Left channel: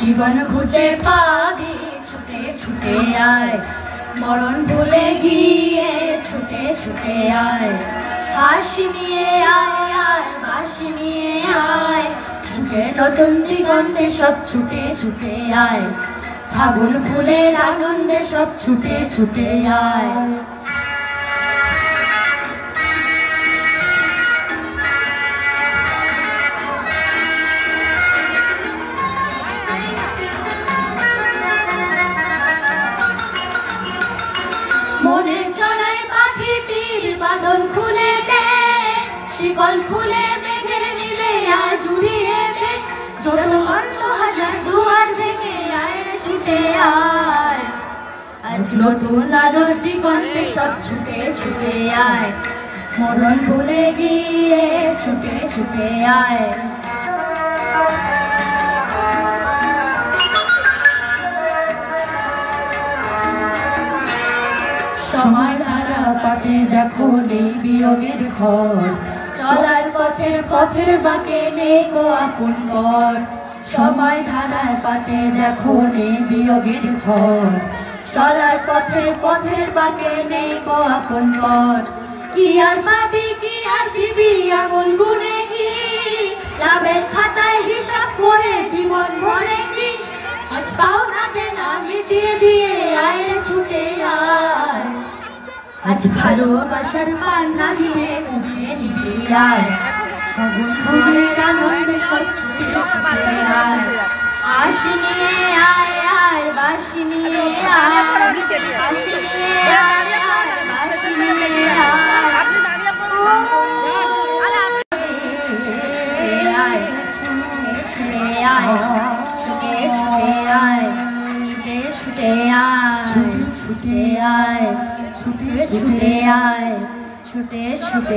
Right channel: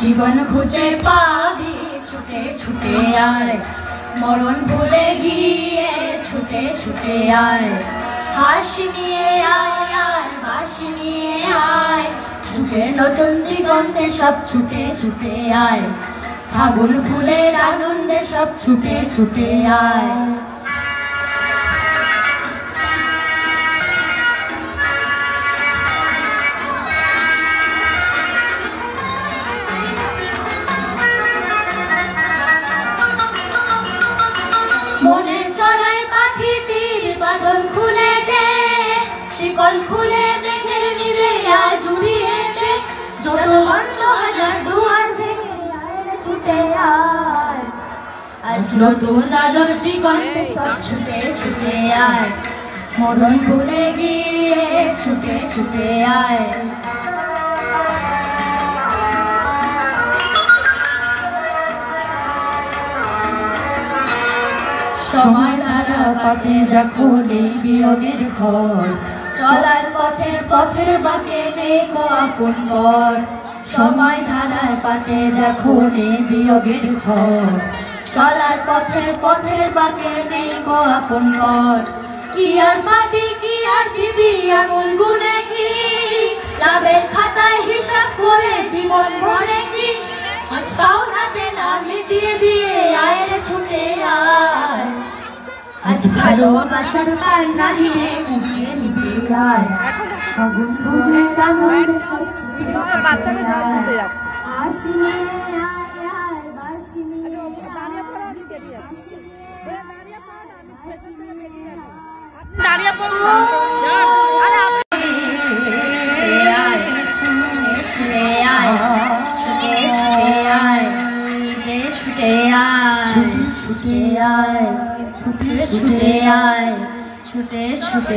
জীবন খুঁজে পাবি ছুটে ছুটে আয়, মরণ ভুলে গিয়ে ছুটে ছুটে আয়, হাসি নিয়ে আয় আয়, বাঁশি নিয়ে আয়, ছুটে নতুন দিগন্তে সব ছুটে ছুটে আয়, ফাগুন ফুলের আনন্দে সব ছুটে ছুটে আয়। মনের চড়াই পাখিটির বাঁধন খুলে দে, শিকল খুলে মেঘের নীলে আজ উড়িয়ে দে, যত বন্ধ হাজার দুয়ার ভেঙে আয় রে ছুটে আয়, আজ নতুন আলোর দিগন্তে সব ছুটে ছুটে আয়, মরণ ভুলে গিয়ে ছুটে ছুটে আয়। সময় ধারা পাতে দেখো নেই বিয়োগের ঘর, চলার পথের পথের বাঁকে নেই গো আপন পর, সময় ধারায় পাতে দেখো নেই বিয়োগের ঘর, চলার পথের পথের বাঁকে নেই গো আপন পর, কি আর পাবি কি আর দিবি আঙুল গুনে কি, লাভের খাতায় হিসাব করে জীবন ভরে কি, আজ পাওনা দেনা মিটিয়ে দিয়ে আয় রে ছুটে আয়, আজ ভালোবাসার পান্না দিয়ে উড়িয়ে নিবি আয়, ফাগুন ফুলের আনন্দে সব ছুটে ছুটে আয়, হাসি নিয়ে আয় আয়, বাঁশি নিয়ে আয়, হাসি নিয়ে আয় আয়, বাঁশি নিয়ে আয়, আপনি দাঁড়িয়ে ছুটে আয়, ছুটে ছুটে আয়, ছুটে ছুটে আয়, ছুটে ছুটে আয়, ছুটে ছুটে আয়, ছুটে ছুটে